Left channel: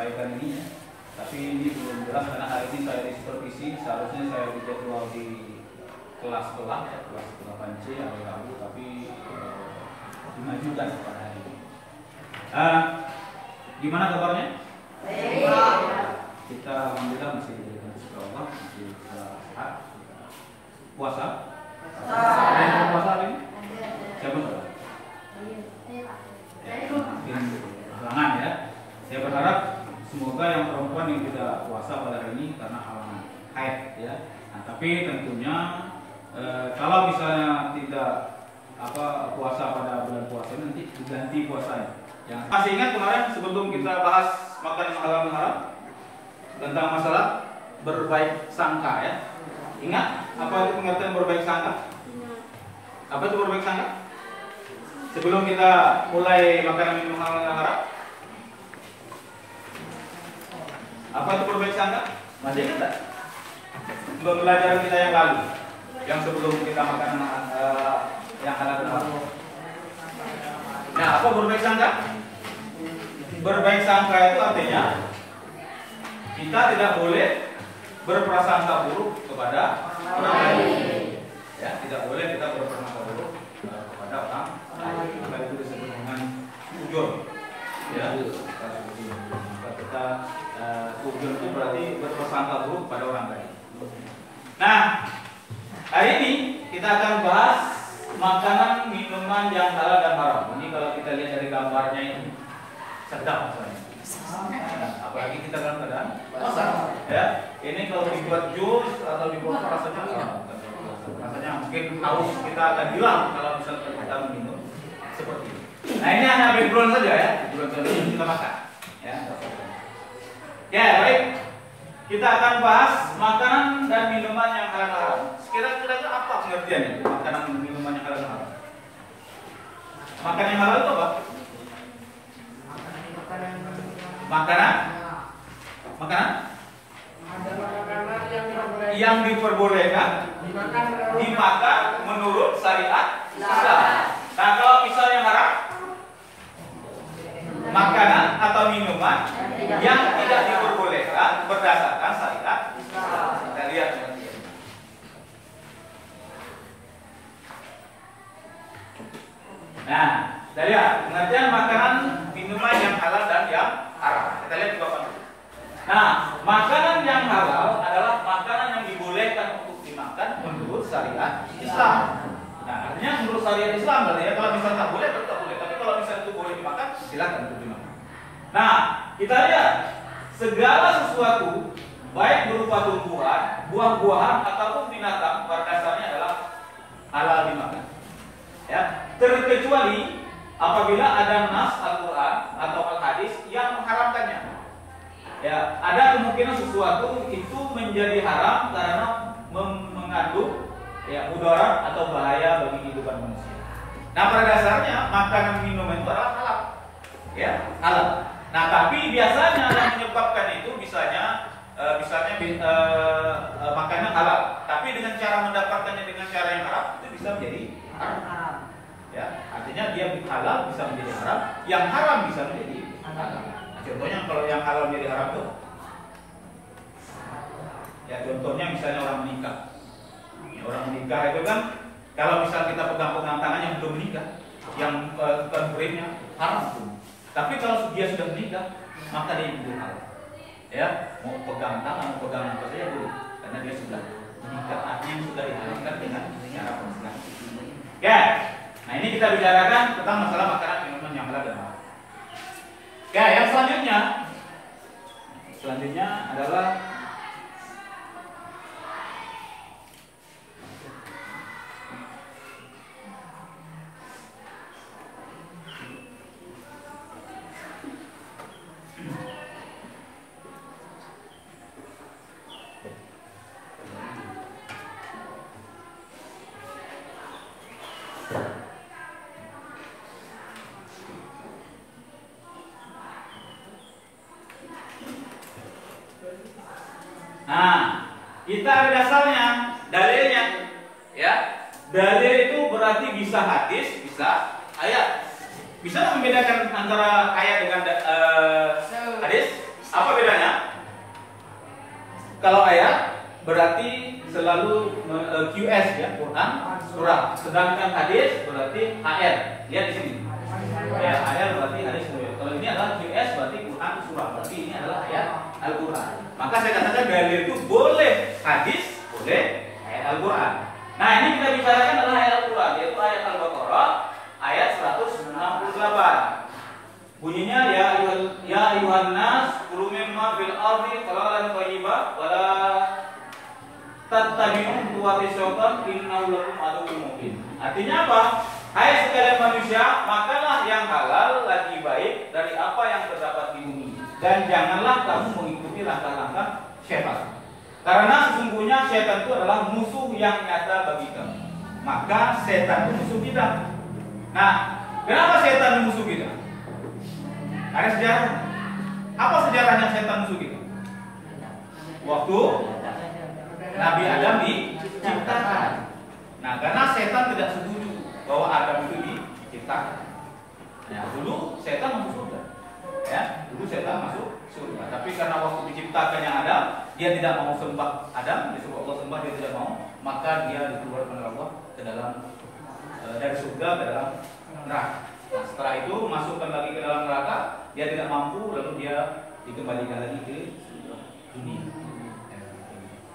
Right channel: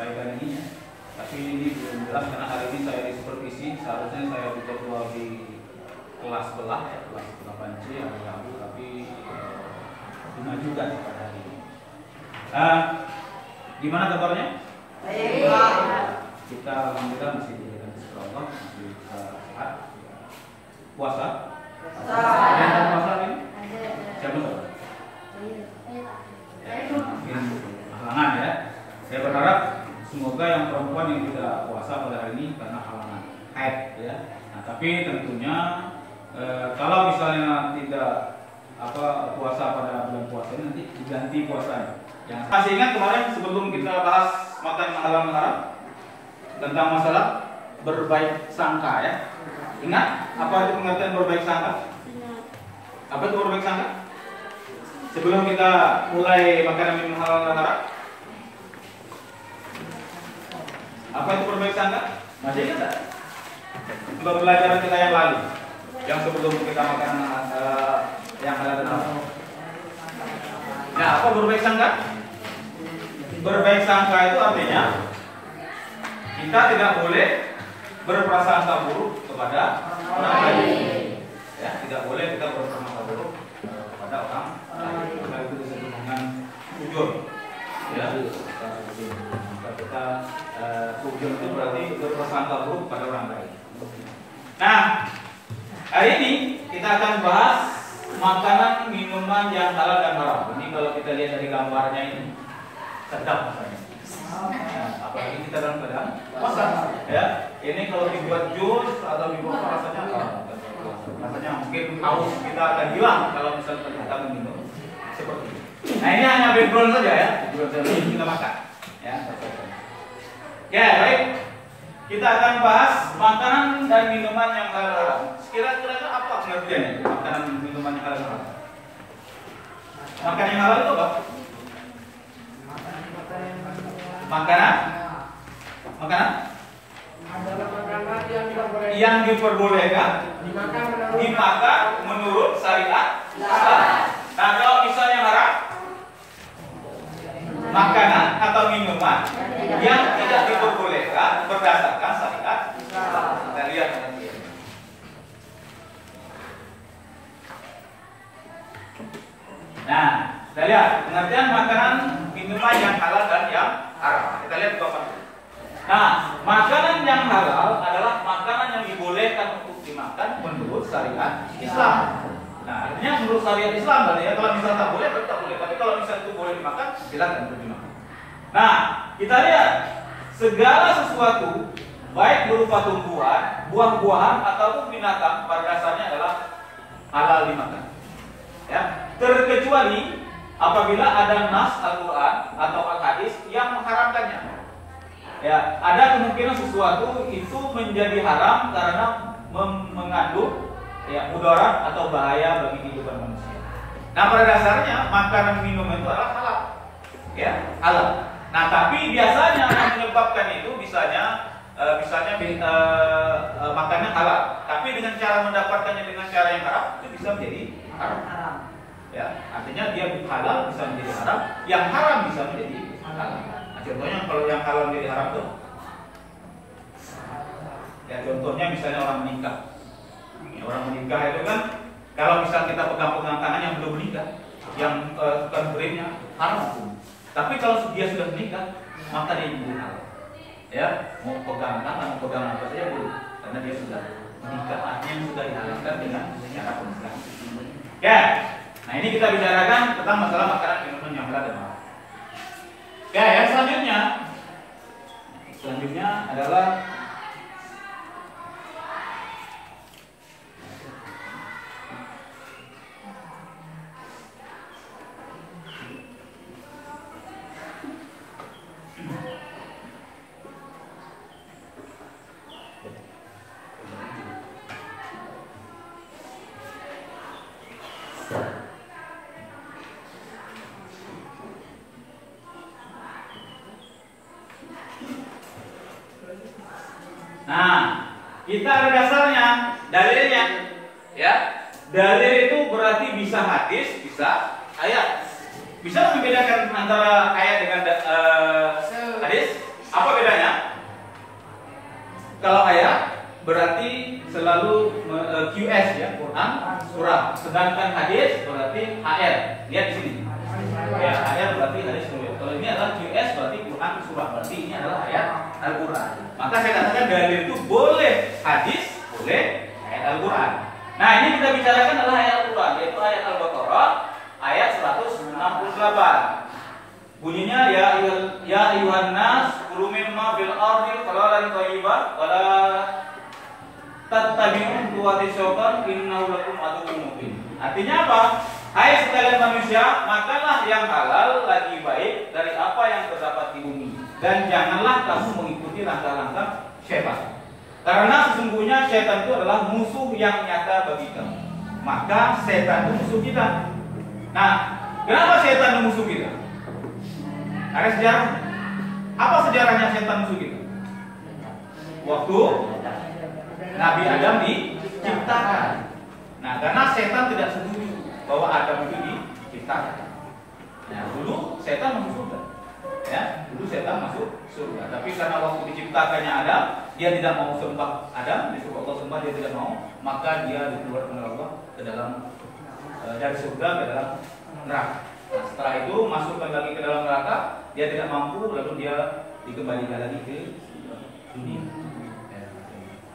sampaikan ini ya. Tapi ini belum jelas karena hari ini saya di supervisi, seharusnya saya dijadwal di kelas sebelah, kelas 8C hari Rabu, tapi dimajukan pada hari ini. Gimana kabarnya? Baik. Kita alhamdulillah masih diberikan rezeki Allah, masih sehat. Puasa? Ada yang puasa ini? Siapa tuh? Mungkin halangan ya. Saya berharap semoga yang perempuan yang tidak puasa pada hari ini karena halangan haid ya. Nah, tapi tentunya kalau misalnya tidak puasa pada bulan puasa ini nanti diganti puasanya. Yang masih ingat kemarin sebelum kita bahas makan halal haram tentang masalah berbaik sangka ya. Ingat apa itu pengertian berbaik sangka? Apa itu berbaik sangka? Sebelum kita mulai makan minum halal dan haram, apa itu berbaik sangka? Masih ingat tak? Pembelajaran kita yang lalu, yang sebelum kita makan yang halal dan haram. Nah, apa berbaik sangka? Berbaik sangka itu artinya kita tidak boleh berprasangka buruk kepada orang lain. Ya, tidak boleh kita berprasangka buruk kepada orang lain. Maka itu disebut dengan ujur. Ya, maka kita ujur itu berarti berprasangka buruk pada orang lain. Nah, hari ini kita akan bahas makanan minuman yang halal dan haram. Ini kalau kita lihat dari gambarnya ini sedap rasanya. Apalagi kita dalam keadaan puasa. Ya, ini kalau dibuat jus atau dibuat rasanya mungkin haus kita akan hilang kalau misalnya kita minum seperti ini. Nah, ini hanya background saja ya, background kita makan. Ya, ya baik. Kita akan bahas makanan dan minuman yang halal haram. Kira-kira apa pengertiannya makanan dan minuman yang halal haram? Makanan yang halal itu apa? Makanan yang diperbolehkan dimakan menurut syariat Islam. Nah, kalau misalnya haram, makanan atau minuman yang tidak diperbolehkan berdasarkan syariat Islam. Kita lihat nanti. Nah, kita lihat pengertian makanan minuman yang halal dan yang haram. Kita lihat dua konsep. Nah, makanan yang halal adalah makanan yang dibolehkan untuk dimakan menurut syariat Islam. Nah, artinya menurut syariat Islam berarti ya, kalau misalnya tak boleh, berarti tak boleh. Tapi kalau misalnya itu boleh dimakan, silakan untuk dimakan. Nah, kita lihat segala sesuatu baik berupa tumbuhan, buah-buahan ataupun binatang pada dasarnya adalah halal dimakan. Ya, terkecuali apabila ada nas Al-Quran atau Al-Hadis yang mengharamkannya. Ya, ada kemungkinan sesuatu itu menjadi haram karena mengandung mudarat atau bahaya bagi kehidupan manusia. Nah, pada dasarnya makanan minuman itu adalah halal. Ya, halal. Nah, tapi biasanya yang menyebabkan itu misalnya makannya halal, tapi dengan cara mendapatkannya dengan cara yang haram itu bisa menjadi haram. Ya, artinya dia halal bisa menjadi haram, yang haram bisa menjadi halal. Nah, contohnya kalau yang halal menjadi haram tuh, ya contohnya misalnya orang menikah. Ya, orang menikah itu kan kalau misal kita pegang-pegang tangan yang belum menikah, yang konfirmnya haram. Tapi kalau dia sudah menikah, maka dia jadi halal. Ya, mau pegang tangan, mau pegang apa saja boleh, karena dia sudah menikah, artinya sudah dihalalkan dengan cara pernikahan. Ya. Nah, ini kita bicarakan tentang masalah makanan minuman yang halal dan haram. Oke, yang selanjutnya adalah kita ada dasarnya, dalilnya, ya. Dalil itu berarti bisa hadis, bisa ayat. Bisa membedakan antara ayat dengan hadis? Sedangkan hadis berarti HR. Lihat di sini. Ya, HR berarti hadis riwayat. Kalau ini adalah QS berarti Quran surah. Berarti ini adalah ayat Al-Quran. Maka saya katakan dalil itu boleh hadis, boleh ayat Al-Quran. Nah, ini kita bicarakan adalah ayat Al-Quran, yaitu ayat Al-Baqarah ayat 168. Bunyinya ya ayuhan nas kulu mimma fil ardi halalan thayyiban wa la tattabi'u khutuwati syaitan innahu lakum aduwwun mubin. Artinya apa? Hai sekalian manusia, makanlah yang halal lagi baik dari apa yang terdapat di bumi, dan janganlah kamu mengikuti langkah-langkah syaitan. Karena sesungguhnya syaitan itu adalah musuh yang nyata bagi kamu. Maka syaitan itu musuh kita. Nah, kenapa syaitan musuh kita? Ada sejarah. Apa sejarahnya setan musuh kita? Waktu Nabi Adam diciptakan. Nah, karena setan tidak setuju bahwa Adam itu diciptakan. Nah, dulu setan masuk surga. Ya, dulu setan masuk surga. Tapi karena waktu diciptakannya Adam, dia tidak mau sembah Adam, disuruh Allah sembah dia tidak mau, maka dia dikeluarkan oleh Allah ke dalam dari surga ke dalam neraka. Nah, setelah itu masukkan lagi ke dalam neraka, dia tidak mampu, lalu dia dikembalikan lagi ke dunia.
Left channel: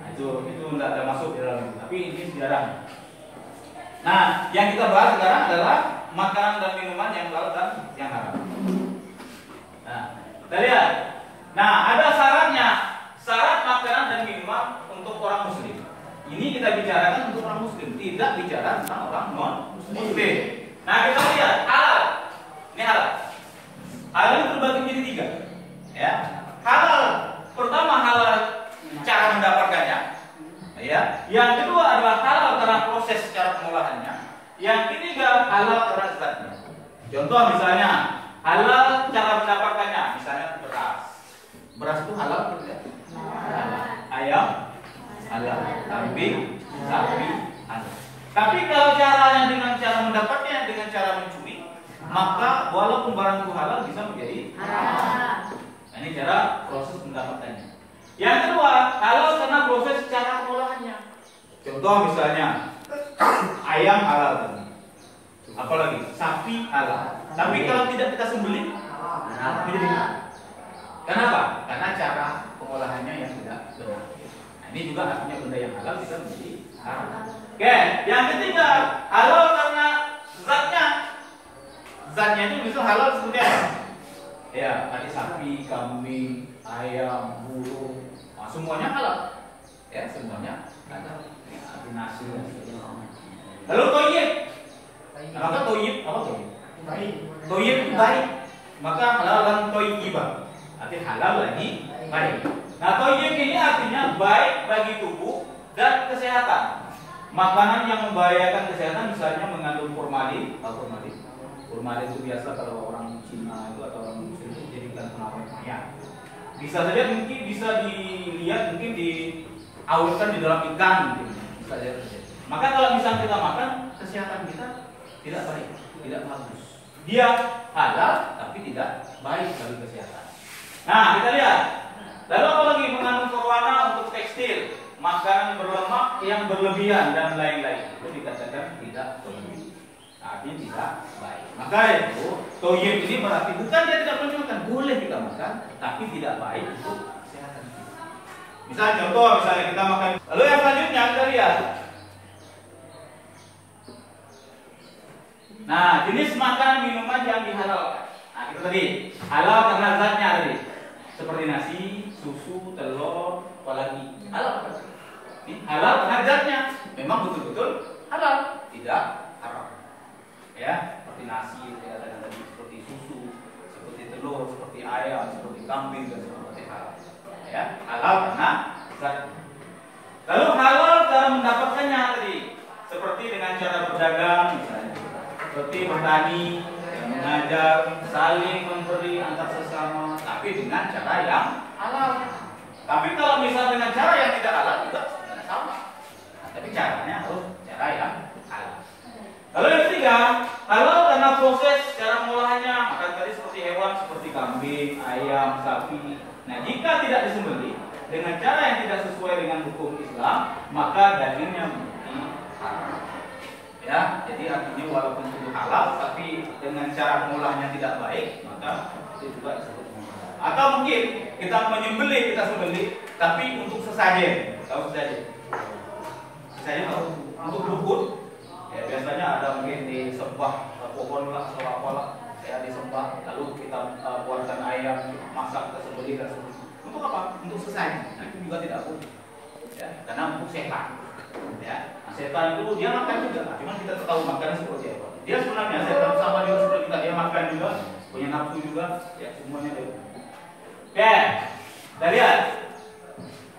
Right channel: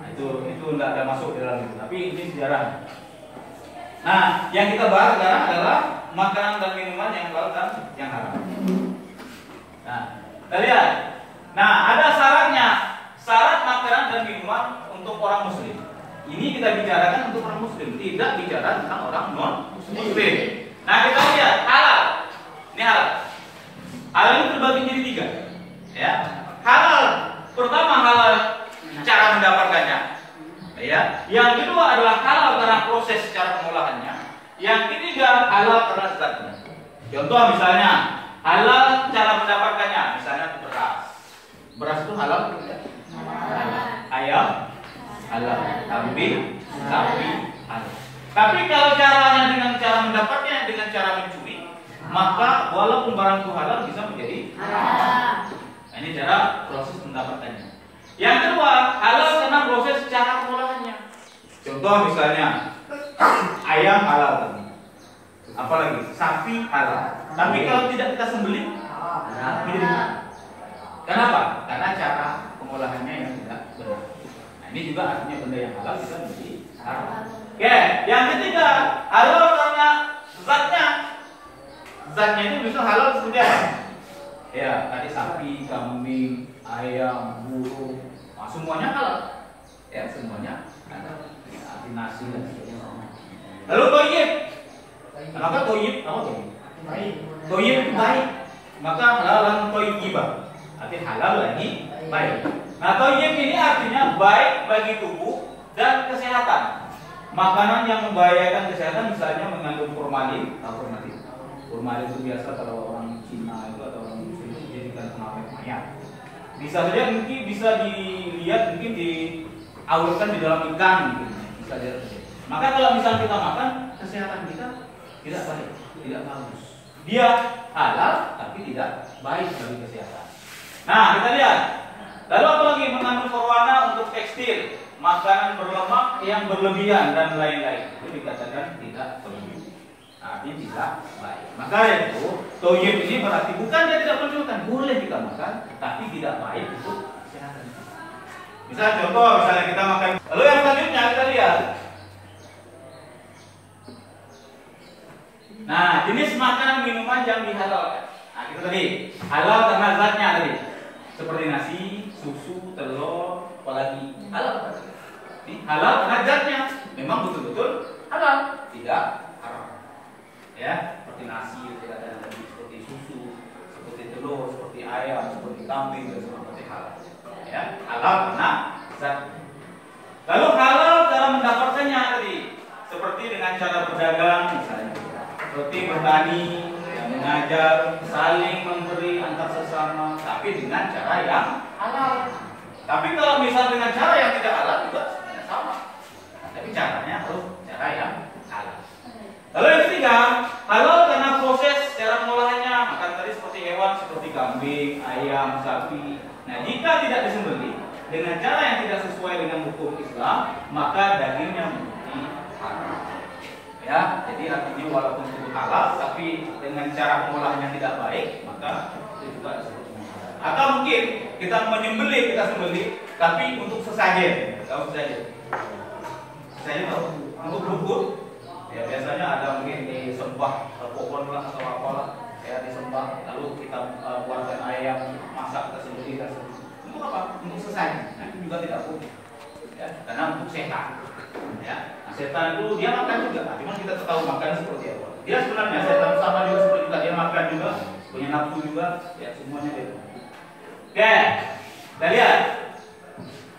Nah, itu tidak ada masuk di dalam itu, tapi ini sejarah. Nah, yang kita bahas sekarang adalah makanan dan minuman yang halal dan yang haram. Nah, kita lihat. Nah, ada syaratnya, syarat makanan dan minuman untuk orang Muslim. Ini kita bicarakan untuk orang Muslim, tidak bicara tentang orang non Muslim. Nah, kita lihat halal. Ini halal. Halal itu terbagi menjadi 3. Ya. Halal, pertama halal cara mendapatkannya. Ya. Yang kedua adalah halal karena proses cara pengolahannya. Yang ketiga halal karena zatnya. Contoh misalnya halal cara mendapatkannya, misalnya beras. Beras itu halal tidak? Ayam halal, kambing, sapi halal. Tapi kalau caranya dengan cara mendapatnya dengan cara mencuri, maka walaupun barang itu halal bisa menjadi haram. Nah, ini cara proses mendapatkannya. Yang kedua, halal karena proses cara pengolahannya. Contoh misalnya ayam halal tadi. Apalagi sapi halal. Tapi kalau tidak kita sembelih, menjadi haram. Kenapa? Karena cara pengolahannya yang tidak benar. Nah, ini juga artinya benda yang halal bisa menjadi haram. Oke, yang ketiga, halal karena zatnya. Zatnya itu bisa halal seperti apa? Ya, tadi sapi, kambing, ayam, burung, semuanya halal. Ya, semuanya halal. Seperti nasi dan sebagainya. Lalu toyib. Maka toyib apa toyib? Baik. Toyib baik. Maka halal dan toyibah. Artinya halal lagi baik. Nah, toyib ini artinya baik bagi tubuh dan kesehatan. Makanan yang membahayakan kesehatan misalnya mengandung formalin, formalin. Formalin itu biasa kalau orang Cina itu atau orang Muslim itu dijadikan pengawet minyak. Bisa saja mungkin bisa dilihat mungkin diawetkan di dalam ikan gitu. Bisa saja. Maka kalau misalnya kita makan, kesehatan kita tidak baik, tidak bagus. Dia halal tapi tidak baik bagi kesehatan. Nah, kita lihat. Lalu apalagi mengandung pewarna untuk tekstil, makanan berlemak yang berlebihan dan lain-lain. Itu dikatakan tidak toyib. Nah, artinya tidak baik. Maka itu toyib ini berarti bukan dia tidak menunjukkan, boleh kita makan, tapi tidak baik untuk kesehatan. Misalnya contoh, misalnya kita makan. Lalu yang selanjutnya kita lihat. Nah, jenis makanan minuman yang dihalalkan. Nah, itu tadi halal karena zatnya tadi. Seperti nasi, susu, telur, apalagi halal. Ini halal karena zatnya memang betul-betul halal, tidak haram. Ya, seperti nasi, seperti susu, seperti telur, seperti ayam, seperti kambing dan seperti halal. Ya, halal karena zat. Lalu halal cara mendapatkannya tadi, seperti dengan cara berdagang misalnya, seperti bertani, mengajar, saling memberi antar sesama, tapi dengan cara yang halal. Tapi kalau misal dengan cara yang tidak halal juga sebenarnya sama. Nah, tapi caranya harus cara yang halal. Lalu yang ketiga, halal karena proses cara pengolahannya. Maka tadi seperti hewan, seperti kambing, ayam, sapi. Nah, jika tidak disembelih dengan cara yang tidak sesuai dengan hukum Islam, maka dagingnya menjadi haram. Ya, jadi artinya walaupun itu halal, tapi dengan cara pengolahannya tidak baik, maka itu juga disebut menghalalkan. Atau mungkin kita sembelih, tapi untuk sesajen, tahu sesajen? Sesajen tahu? Untuk rumput, ya biasanya ada mungkin di sembah pohon lah atau apalah, ya disembah, lalu kita buatkan ayam, masak, kita sembelih, untuk apa? Untuk sesajen. Nah itu juga tidak boleh, ya, karena untuk sehat. Ya, nah, setan itu dia makan juga, cuma kita tahu makan seperti apa. Dia sebenarnya setan sama juga seperti kita, dia makan juga, punya nafsu juga, ya semuanya dia. Oke, kita lihat.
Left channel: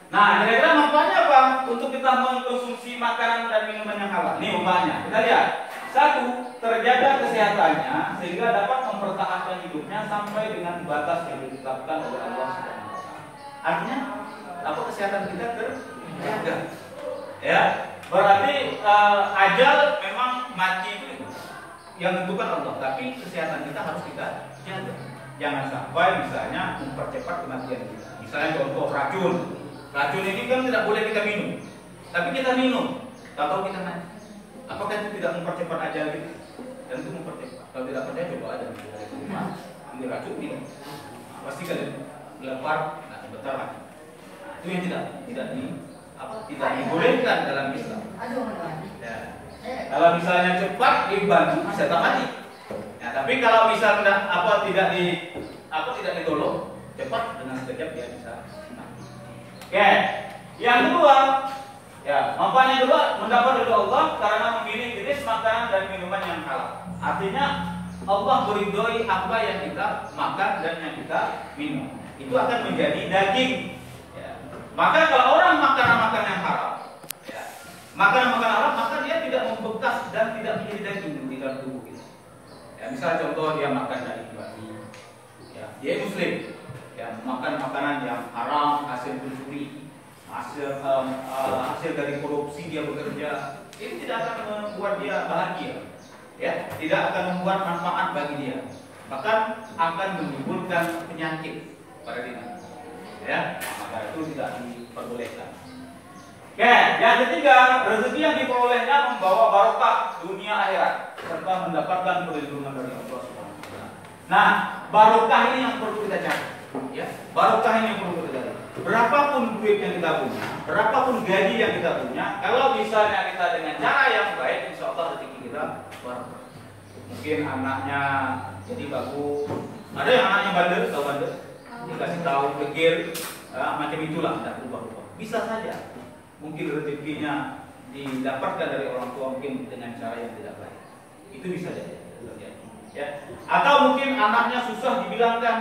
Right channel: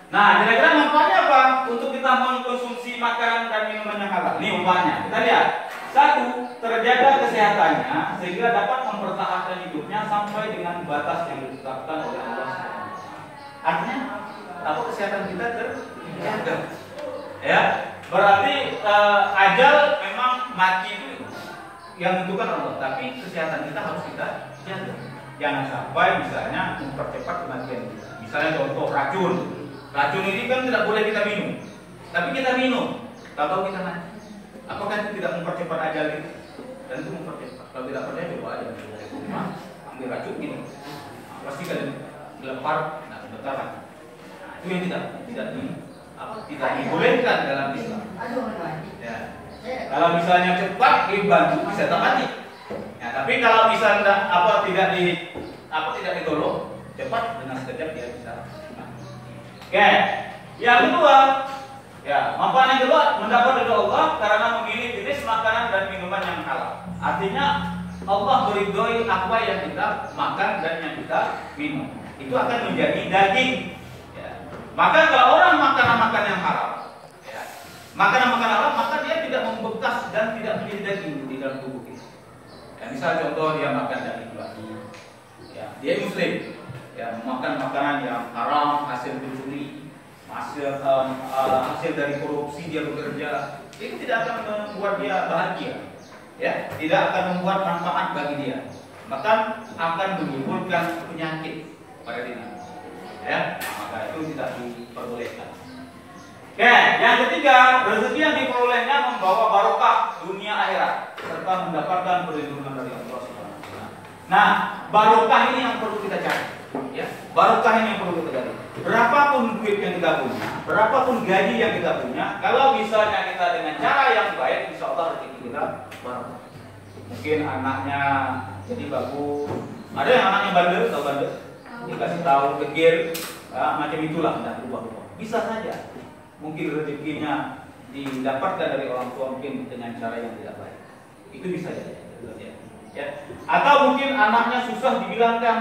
Nah, kira-kira manfaatnya apa untuk kita mengkonsumsi makanan dan minuman yang halal? Ini manfaatnya. Kita lihat. Satu, terjaga kesehatannya sehingga dapat mempertahankan hidupnya sampai dengan batas yang ditetapkan oleh Allah SWT. Artinya, apa kesehatan kita terjaga? Ya, berarti ajal memang mati itu yang tentukan Allah, tapi kesehatan kita harus kita jaga. Jangan sampai misalnya mempercepat kematian kita. Misalnya contoh racun. Racun ini kan tidak boleh kita minum, tapi kita minum. Kalau kita mati, apakah itu tidak mempercepat ajal kita? Dan itu mempercepat. Kalau tidak percaya coba aja dari rumah ambil racun minum. Nah, pasti kan lepar, nah bentar. Nah, itu yang tidak dibolehkan dalam Islam. Ya. Kalau misalnya cepat dibantu bisa tak mati. Ya, tapi kalau misalnya tidak ditolong cepat dengan sekejap dia bisa mati. Oke. Yang kedua, ya manfaat yang kedua mendapat ridho Allah karena memilih jenis makanan dan minuman yang halal. Artinya Allah meridhoi apa yang kita makan dan yang kita minum. Itu akan menjadi daging. Maka kalau orang makan yang haram, ya, makanan haram, maka dia tidak membekas dan tidak menjadi daging di dalam tubuh kita. Ya, misal contoh dia makan daging babi, ya, dia Muslim, ya, makan makanan yang haram, hasil mencuri, hasil dari korupsi dia bekerja, ini tidak akan membuat dia bahagia, ya, tidak akan membuat manfaat bagi dia, bahkan akan menimbulkan penyakit pada dirinya. Ya, maka itu tidak diperbolehkan. Oke, yang ketiga, rezeki yang diperolehnya membawa barokah dunia akhirat serta mendapatkan perlindungan dari Allah Subhanahu wa taala. Nah, barokah ini yang perlu kita cari, ya. Barokah ini yang perlu kita cari. Berapapun duit yang kita punya, berapapun gaji yang kita punya, kalau misalnya kita dengan cara yang baik, insya Allah rezeki kita barokah. Mungkin anaknya jadi bagus, ada yang anaknya bandel, tahu bandel? Dikasih tahu kekir, macam itulah, tidak berubah-ubah. Bisa saja, mungkin rezekinya didapatkan dari orang tua mungkin dengan cara yang tidak baik. Itu bisa jadi, ya. Atau mungkin anaknya susah dibilangkan,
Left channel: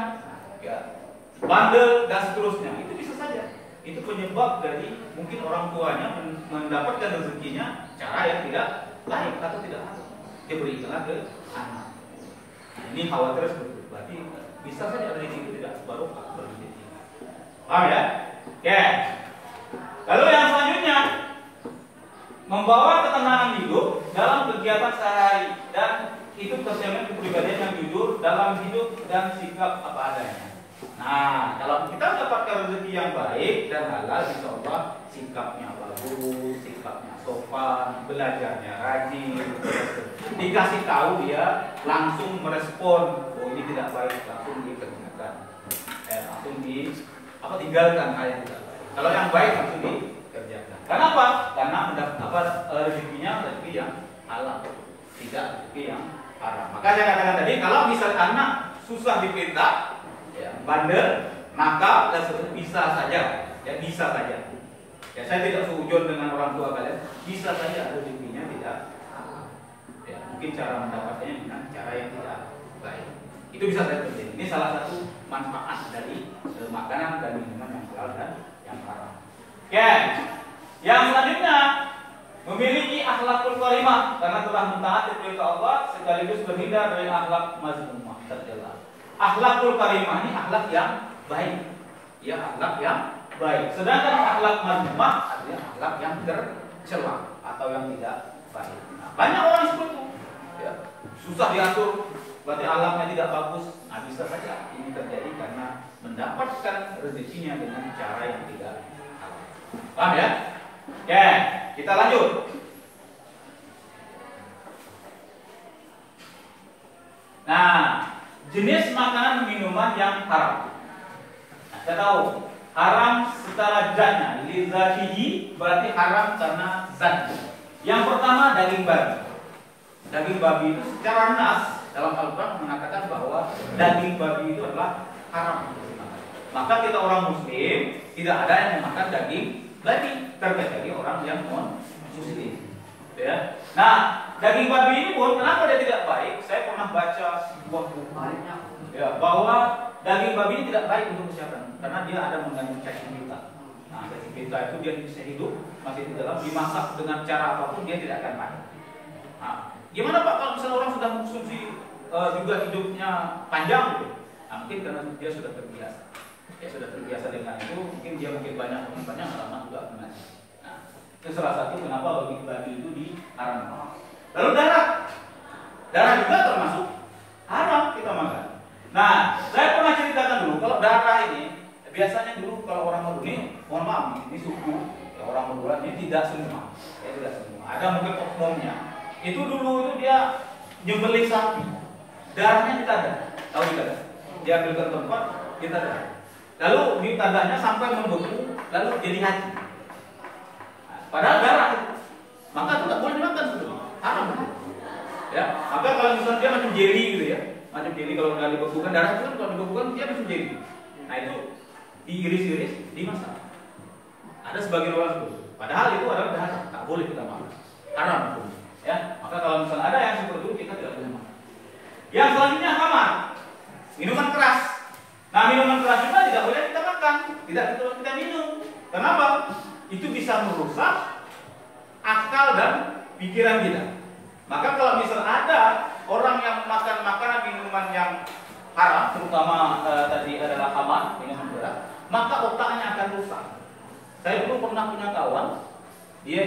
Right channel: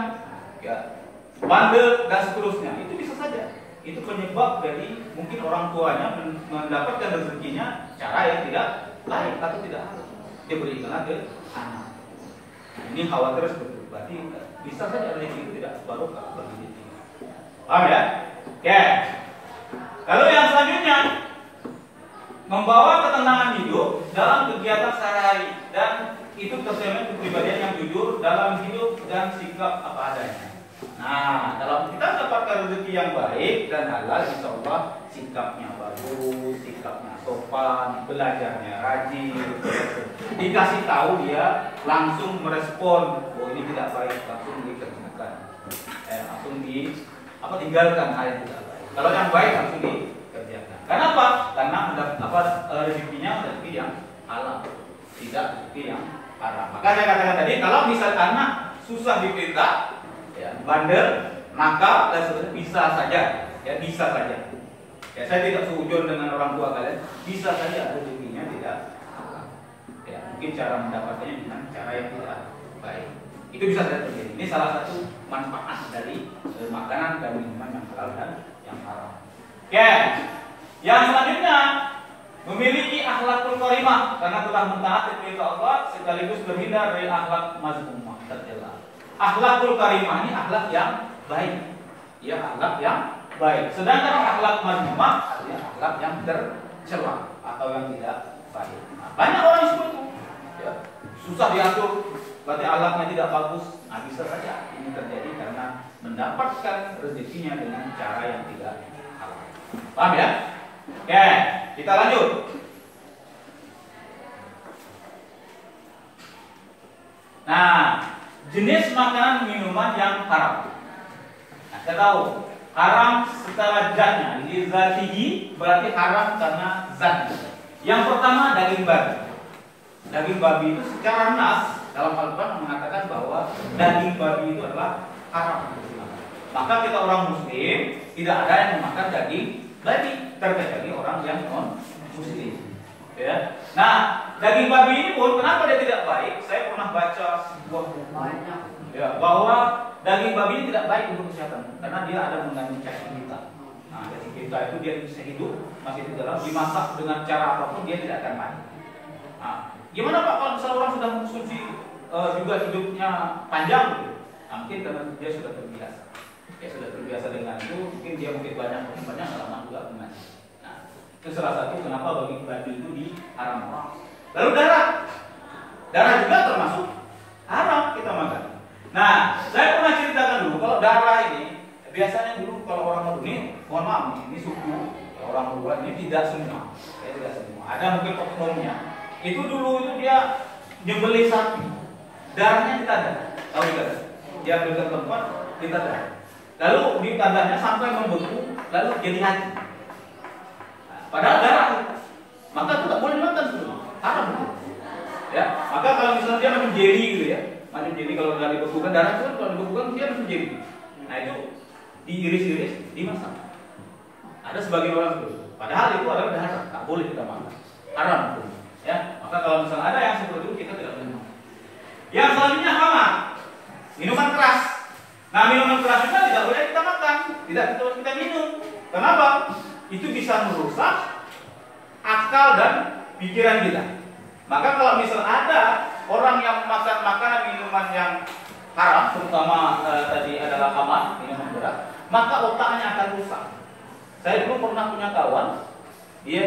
ya, bandel dan seterusnya. Itu bisa saja. Itu penyebab dari mungkin orang tuanya mendapatkan rezekinya cara yang tidak baik atau tidak halal. Dia berikan ke anak. Ini khawatir seperti itu. Berarti bisa saja rezeki itu tidak barokah bagi diri. Paham ya? Oke. Lalu yang selanjutnya, membawa ketenangan hidup dalam kegiatan sehari-hari dan itu tercermin kepribadian yang jujur dalam hidup dan sikap apa adanya. Nah, kalau kita mendapatkan rezeki yang baik dan halal, insya Allah sikapnya bagus, sikapnya sopan, belajarnya rajin, dikasih tahu dia langsung merespon, oh ini tidak baik, langsung dikerjakan, langsung tinggalkan hal yang tidak baik. Kalau yang baik langsung dikerjakan. Kenapa? Karena rezekinya rezeki yang halal, tidak rezeki yang haram. Maka saya katakan tadi, kalau misal anak susah diperintah, ya, bandel, nakal, dan seterusnya, bisa saja, ya bisa saja. Ya, saya tidak seujur dengan orang tua kalian, bisa saja rezekinya tidak halal. Ya, mungkin cara mendapatkannya dengan cara yang tidak baik. Itu bisa saja terjadi. Ini salah satu manfaat dari makanan dan minuman yang halal dan yang haram. Oke, yang selanjutnya memiliki akhlakul karimah karena telah mentaati perintah Allah sekaligus terhindar dari akhlak mazmumah tercela. Akhlakul karimah ini akhlak yang baik, ya akhlak yang baik. Sedangkan akhlak mazmumah artinya akhlak yang tercela atau yang tidak baik. Nah, banyak orang seperti itu, ya, susah diatur, berarti akhlaknya tidak bagus. Nah, bisa saja ini terjadi karena mendapatkan rezekinya dengan cara yang tidak halal. Paham ya? Oke, kita lanjut. Nah, jenis makanan minuman yang haram. Nah, kita tahu haram secara zatnya, lizatihi berarti haram karena zatnya. Yang pertama daging babi. Daging babi itu secara nas dalam Al-Quran mengatakan bahwa daging babi itu adalah haram. Maka kita orang Muslim tidak ada yang memakan daging babi, terkecuali orang yang non Muslim. Ya. Nah, daging babi ini pun kenapa dia tidak baik? Saya pernah baca sebuah buku ya, bahwa daging babi ini tidak baik untuk kesehatan karena dia ada mengandung cacing kita. Nah, cacing kita itu dia bisa hidup masih di dalam, dimasak dengan cara apapun dia tidak akan mati. Nah, gimana Pak kalau misalnya orang sudah mengkonsumsi juga hidupnya panjang gitu? Nah, mungkin karena dia sudah terbiasa. Dia sudah terbiasa dengan itu, mungkin dia banyak nggak lama juga mengaji. Nah, itu salah satu kenapa daging babi itu diharamkan. Lalu darah juga termasuk haram kita makan. Nah, saya pernah ceritakan dulu kalau darah ini biasanya dulu kalau orang Madura ini, mohon maaf ini suku ya, orang Madura ini tidak semua, ya tidak semua. Ada mungkin oknumnya. Itu dulu itu dia nyembelih sapi, darahnya ditadah, tahu ditadah? Dia ambil ke tempat ditadah. Lalu ditadahnya sampai membeku, lalu jadi haji. Nah, padahal darah itu, maka itu tidak boleh dimakan sebetulnya, haram. Ya, maka kalau misalnya dia macam jeli gitu ya. Macam jadi kalau nggak dibekukan darah itu kan kalau dibekukan dia masih jadi. Nah itu diiris-iris, dimasak. Ada sebagian orang seperti itu. Padahal itu adalah darah, tak boleh kita makan. Haram itu. Ya, maka kalau misalnya ada yang seperti itu kita tidak boleh makan. Yang selanjutnya khamar, minuman keras. Nah minuman keras juga tidak boleh kita makan, tidak boleh kita minum. Kenapa? Itu bisa merusak akal dan pikiran kita. Maka kalau misalnya ada orang yang memakan makanan minuman yang haram, terutama tadi adalah khamar, minuman berat, maka otaknya akan rusak. Saya dulu pernah punya kawan, dia